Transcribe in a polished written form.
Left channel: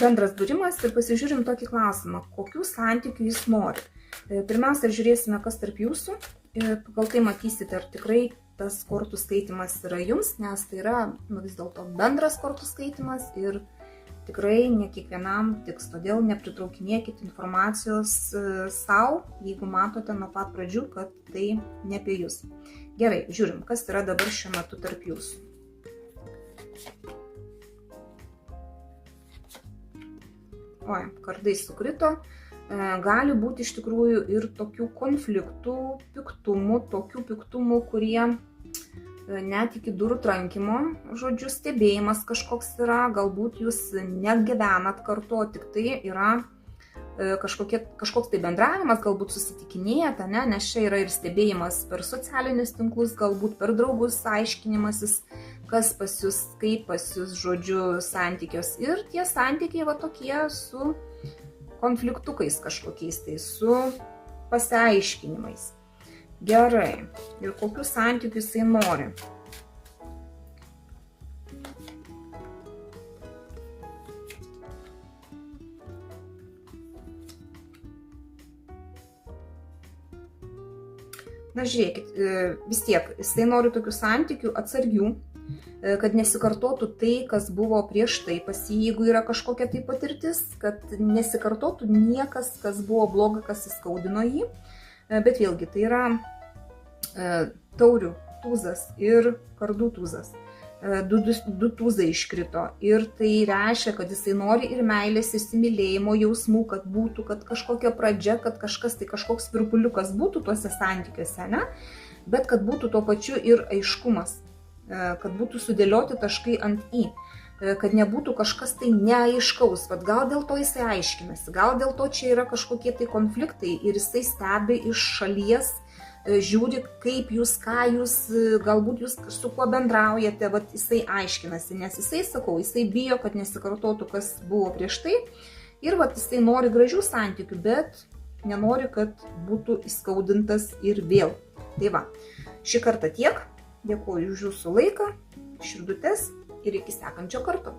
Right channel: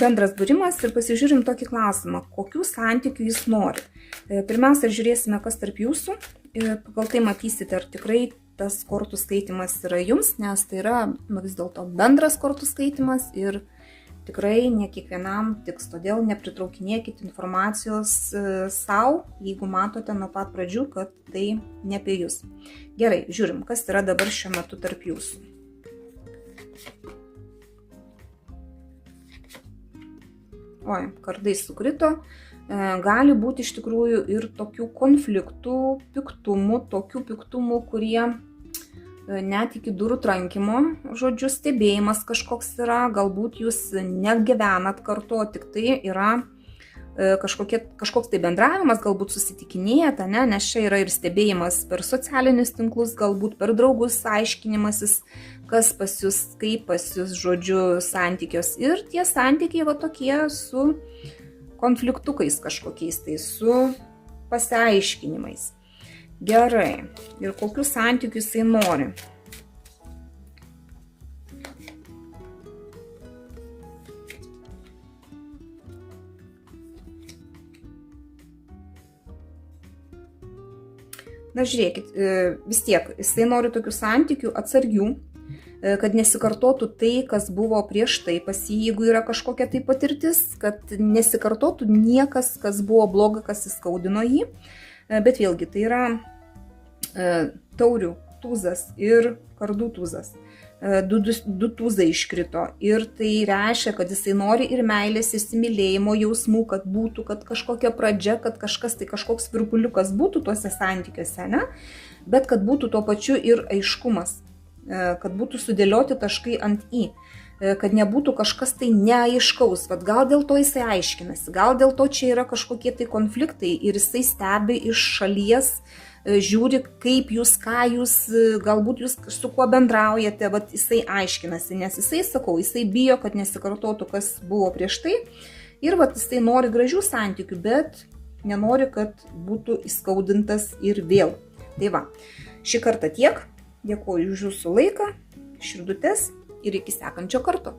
bendras būrimas ir pasižiūrim tokį klausimą, kokių santykių jis nori. Pirmiausia, žiūrėsime, kas tarp jūsų. Pagal tai matysite, ar tikrai tas kortų skaitimas yra jums, nes tai yra vis dėlto bendras kortų skaitimas ir tikrai ne kiekvienam tiks. Todėl nepritraukinėkit informacijos savo, jeigu matote nuo pat pradžių, kad tai ne apie jūs. Gerai, žiūrim, kas yra dabar šiuo metu tarp jūsų. Oi, kardai sukrito. Gali būti iš tikrųjų ir tokių konfliktų, piktumų, tokių piktumų, kurie net iki durų trankymo, žodžiu, stebėjimas kažkoks yra, galbūt jūs negyvenat kartu, tik tai yra kažkoks tai bendravimas, galbūt susitikinėjat, nes čia yra ir stebėjimas per socialinius tinklus, galbūt per draugus, aiškinimasis, kas pas jūs, kaip pas jūs, žodžiu, santykios. Ir tie santykiai va tokie su konfliktukais kažkokiais, tai su pasiaiškinimais. Gerai. Ir kokių santykių jisai nori? Na, žiūrėkit, vis tiek, jisai nori tokių santykių atsargių, kad nesikartotų tai, kas buvo prieš tai pas jį, jeigu yra kažkokia tai patirtis, kad nesikartotų niekas, kas buvo bloga, kas įskaudino jį. Bet vėlgi, tai yra taurių tūzas ir kardų tūzas. Du tūzai iškrito ir tai reiškia, kad jisai nori ir meilės, įsimylėjimo jausmų, kad būtų, kad kažkokia pradžia, kad kažkoks virpuliukas būtų tuose santykiuose, ne? Bet kad būtų tuo pačiu ir aiškumas, kad būtų sudėlioti taškai ant į, kad nebūtų kažkas tai neaiškaus, bet gal dėl to jisai aiškinasi, gal dėl to čia yra kažkokie tai konfliktai ir jisai stebi iš šalies, žiūri, kaip jūs, ką jūs, galbūt jūs su kuo bendraujate, vat jisai aiškinasi, nes jisai, sakau, jisai bijo, kad nesikartotų, kas buvo prieš tai ir vat jisai nori gražių santykių, bet nenori, kad būtų įskaudintas ir vėl. Tai va, šį kartą tiek, dėkuoju už jūsų laiką, širdutes ir iki sekančio karto.